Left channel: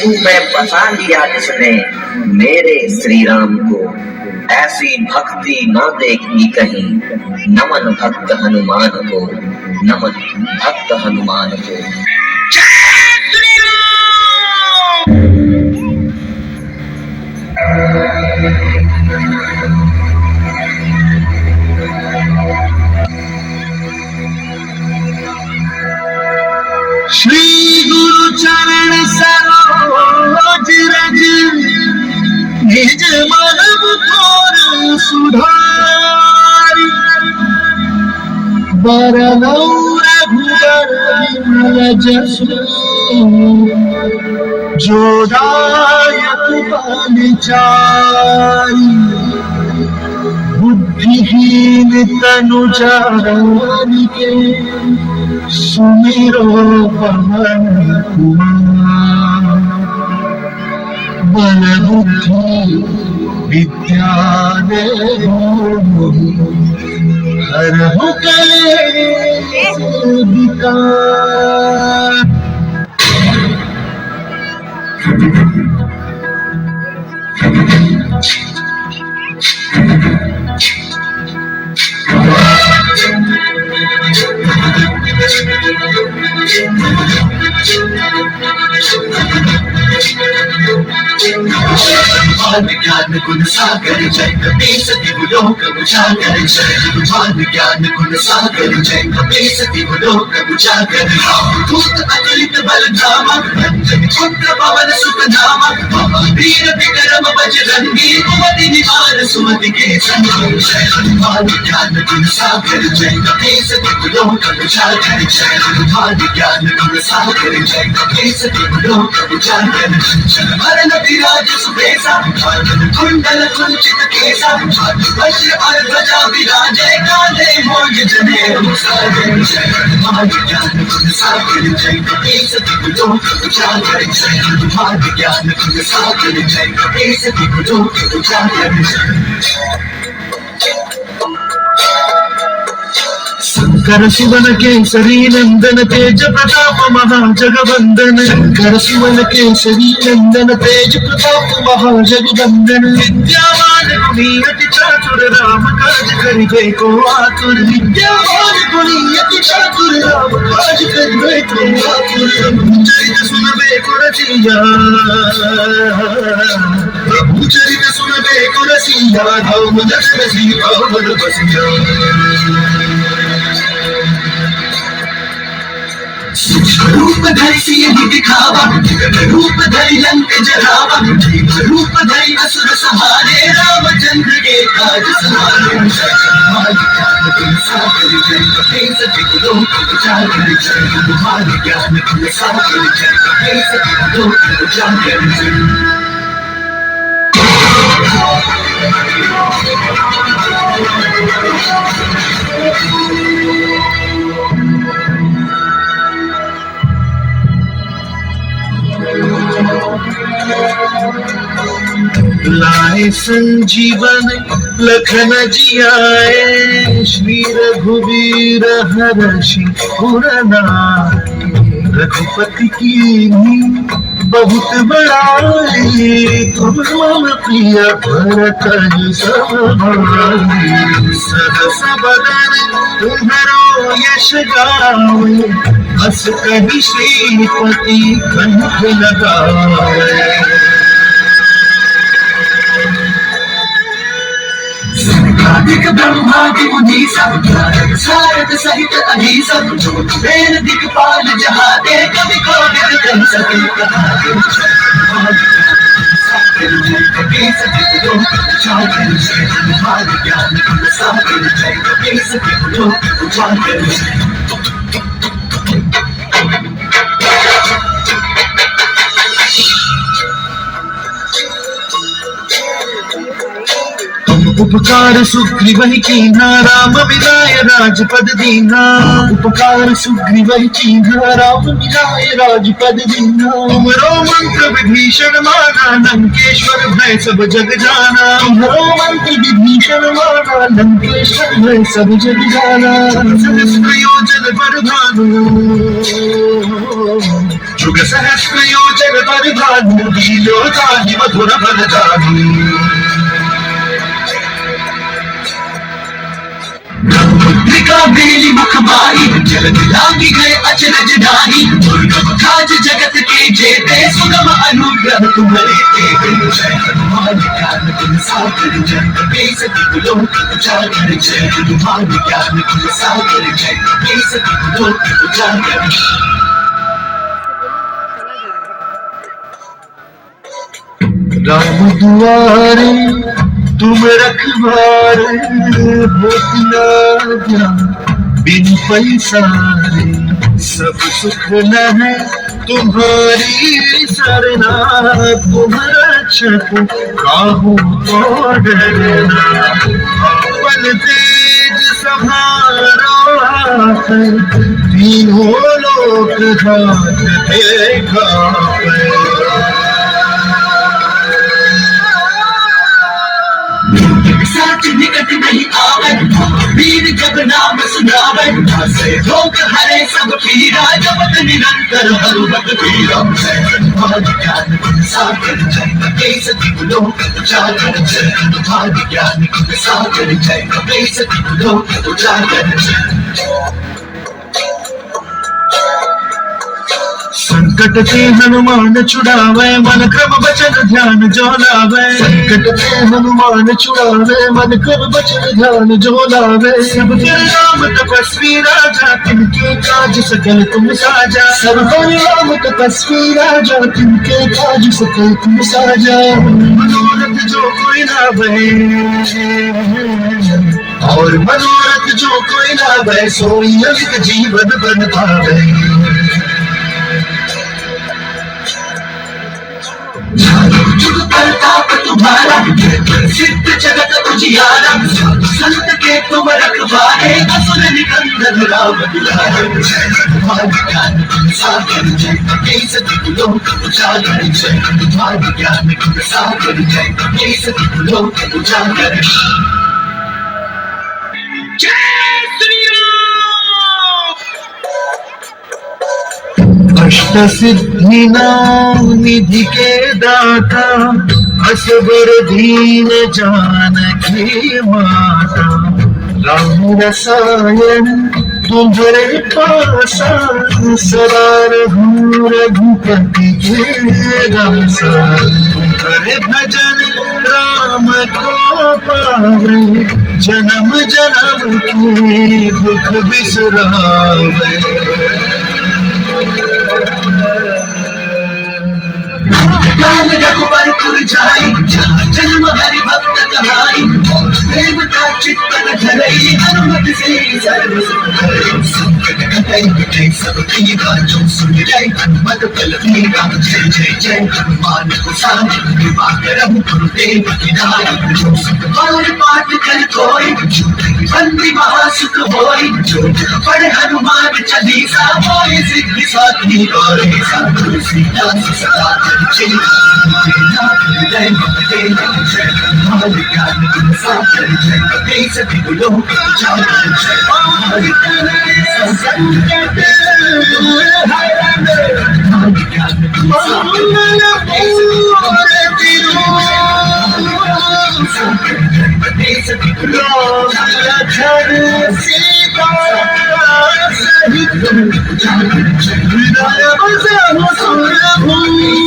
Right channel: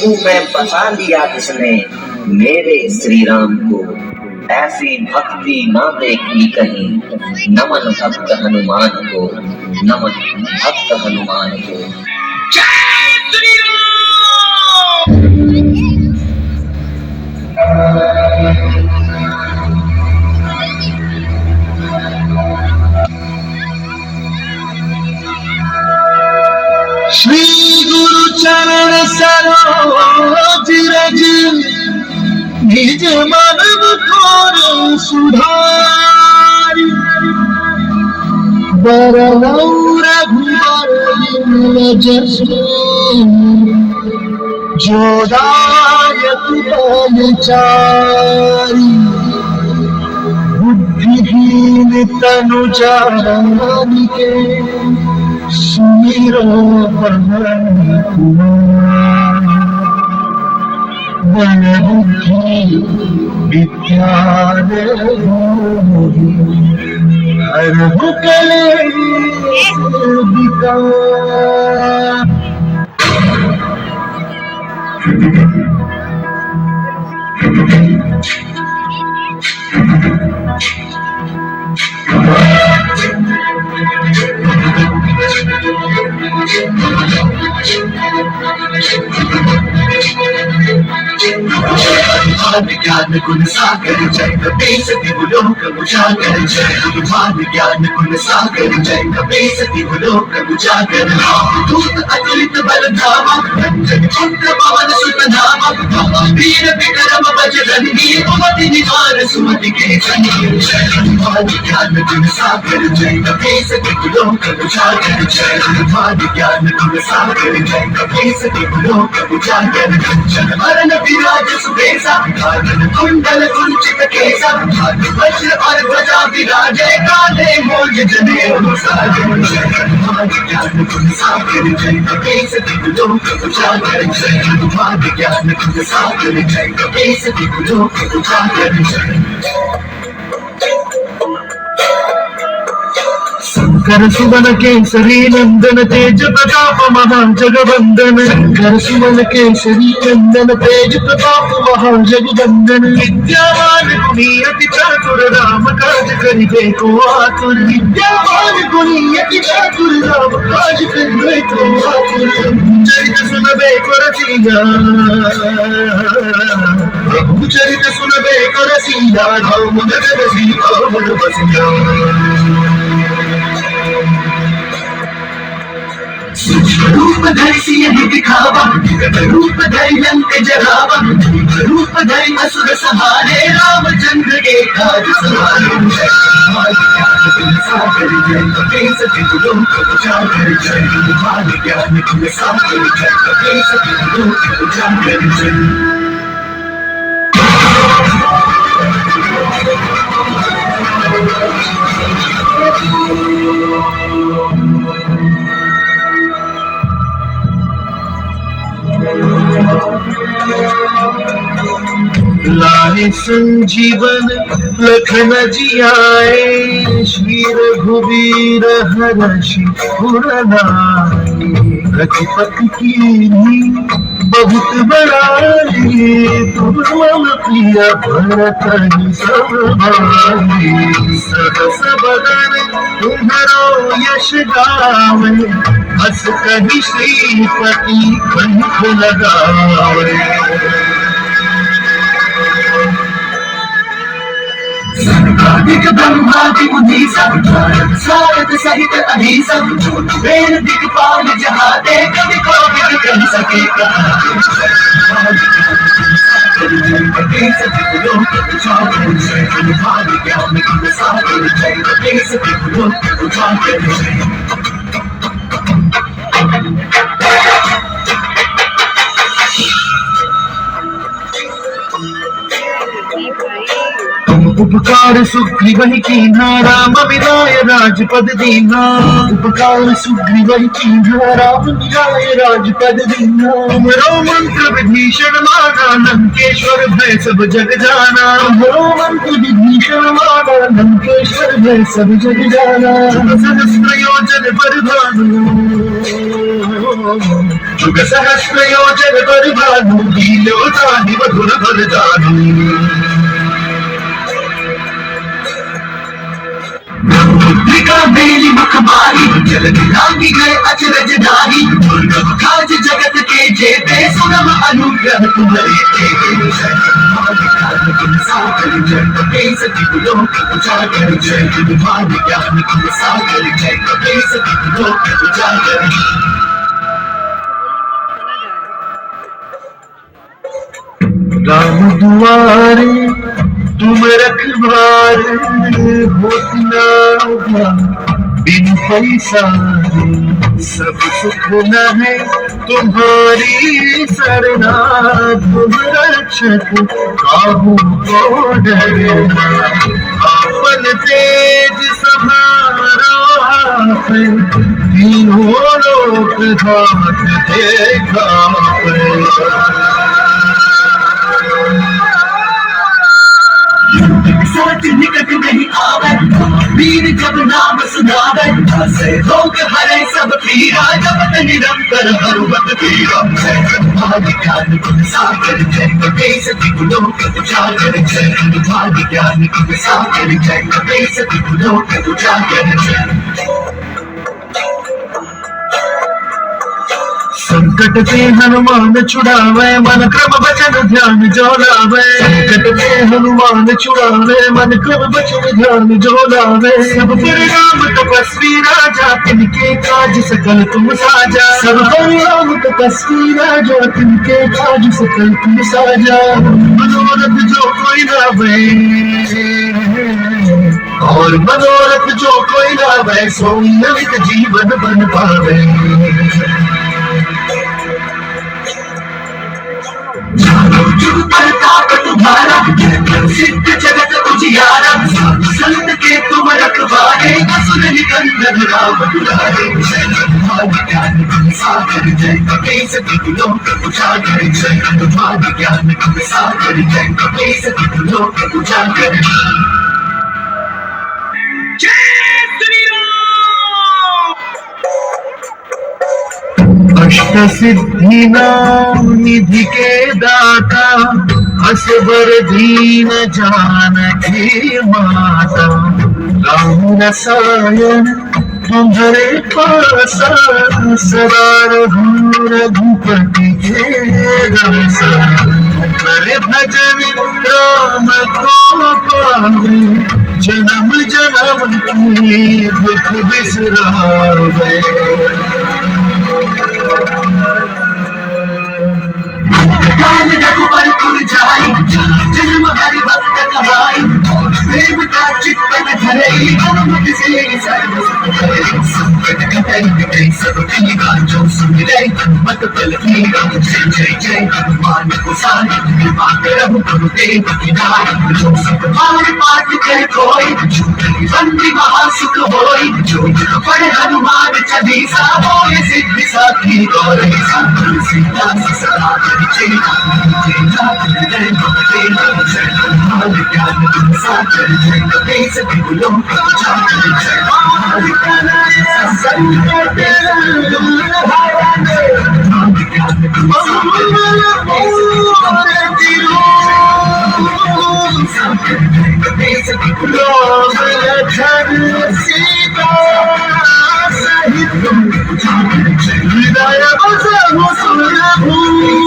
प्रभु में बसा लिया जिसने मेरे श्री राम को, ऐसी भक्ति ना देखी कहीं। नमन भक्त हनुमान को, नमन भक्त हनुमान को। श्री गुरु चरण सरोज रज, निज मन मुखर सुधार। बरनौ रघुबर विमल जसु, जो दायक बल चारि। बुद्धिहीन तनु जानिके, सुमिरो पवन कुमार। बल बुद्धि विद्या देहु, हरहु कलेश विकार। ज्ञान गुण सागर जय कपीस दिवलोक उजागर, जय हनुमान ज्ञान गुण सागर जय कपीस दिवलोक उजागर। दूत अतुलित बल धामा, अंजन पुत्र पवन सुत नामा। महावीर विक्रम बजरंगी, कुमति निवार सुमति के संगी। जय हनुमान ज्ञान गुण सागर जय कपीस दिवलोक उजागर, जय हनुमान ज्ञान गुण सागर जय कपीस दिवलोक उजागर। जन मरण विराज सुबेसा, कुंडल कुंचित केसा। वज्र और ध्वजा विराजे, काले मोज जनेऊ साजे। जय हनुमान ज्ञान गुण सागर जय कपीस दिवलोक उजागर, जय हनुमान ज्ञान गुण सागर जय कपीस दिवलोक उजागर। शंकर सुमन केसरी नंदन, तेज प्रताप महाजगवंदन। शंकर सुमन केसरी नंदन, तेज प्रताप महाजगवंदन। विद्यावान गुणी अति चातुर, राम काज करिबे को आतुर। विद्यावान गुणी अति चातुर, राम काज करिबे को आतुर। चरित सुनबे को रसिया, प्रभु चरित सुनबे को रसिया। राम दशरथ सीता बसिया। रूप धरि सिंह दिखावा, रूप धरि लंक जरावा। रूप धरि असुर सहारे, रामचंद्र के काज सवारे। जय हनुमान ज्ञान गुण सागर जय कपीस दिवलोक उजागर, जय हनुमान ज्ञान गुण सागर जय कपीस दिवलोक उजागर। लाए संजीवन लखन जियाए, श्री रघुवीर हरषि उर लाए। रघुपति की बहुत बड़ाई, तुम मम प्रिय भरत सब भाई। सहस बदन तुम्हारो यश गावे, हस कहि श्रीपति कंठ लगावे। सर्वाधिक ब्रह्मादि मुनीसा, सारद सहित अहिसा। वेद दिक्पाल जहाँ ते, कवि कोविद कह सके कहाते। जय कपीस दिवलोक उजागर, जय हनुमान ज्ञान गुण सागर जय कपीस दिवलोक उजागर। उपकार सुग्रीव कीन्हा राम मिलाय राजपद दीन्हा। उपकार सुग्रीव कीन्हा राम मिलाय राजपद दीन्हा। तुमरो मंत्र विभीषण माना लंकेश्वर भय सब जग जाना। तुमरो मंत्र विभीषण माना लंकेश्वर भय सब जग जाना। सहस्र योजन पर भानु जुग सहस्र योजन पर भानु लीलोताहि मधुर फल जानु। ब्रह्मपुत्रिका मेली मुखमारी जल दिलांगी गए अचरज नारी। दुर्गम काज जगत के जेते सुगम अनुग्रह तुम्हारे तेते। जय हनुमान ज्ञान गुण सागर जय कपीस तिहु लोक उजागर। जय हनुमान ज्ञान गुण सागर जय कपीस तिहु लोक उजागर। राम दुआरे तुम रखवारे होत न जान बिन पैसारे। सब सुख न है तुम्हारी सरना। तुम रक्षक काहू को डरना। अपन तेज सहारा है तीनों लोक हाथ देखा है। साच निकट नहीं आवे वीर जब नाम सुनावे। हसे रोग हरे सब पीरा जपत निरंतर हनुमत पीरा। जय हनुमान ज्ञान गुण सागर जय कपीस तिहु लोक उजागर। जय हनुमान ज्ञान गुण सागर जय कपीस तिहु लोक उजागर। संकट के हनुमान छुड़ावे मन क्रम वचन ध्यान जो लावे। संकट के हनुमान छुड़ावे मन क्रम वचन ध्यान जो लावे। सब पर राम तपस्वी राजा तिनके काज सकल तुम साजा। सब पर राम तपस्वी राजा तिनके काज सकल तुम साजा। मनोरथ जो कोई लावे और मनोरथ जो कोई लावे सोई अमित जीवन बन पावे। जुग प्रताप तुम्हारा सिद्ध जगत उजियारा। संत के तुम रखवारे असुर निकंदन राम दुलारे। जय हनुमान ज्ञान गुण सागर जय कपीस तिहु लोक उजागर। जय हनुमान ज्ञान गुण सागर जय कपीस तिहु लोक उजागर। अष्ट सिद्धि नाम निधि के दाता। असबर दीन जानकी माता। राम रसायन तुम्हारे पासा। सदा रहूं रघुपति के दासा। कर भजन राम को पावे जन्म जन्म की दुख बिसरावे। ज्ञान रघुबर पुर जाई जन्म हरि भक्त कहाई। प्रेम का चित्तन धरई हनुमत से सर्व सुख करई। संकट कटई मिटई सब पीरा जो सुमिरै हनुमत बल बीरा। जय जय जय हनुमान गोसाई कृपा करहु गुरुदेव की नाई। जो सब बार पाठ कर कोई बंदी महासुख होई। जो पढ़ हनुमान चालीसा होय सिद्धि साखी गौरी। साधु सीता सदा परिचय जय नाथ हृदय महदेव। जय हनुमान ज्ञान गुण सागर जय कपीस तिहु लोक उजागर। जय हनुमान ज्ञान संकट हरण ज्ञान गुण सागर जय कपीस तिहु लोक उजागर। सीता सहित उजागर जय हृदय बसहु सुरभूमि।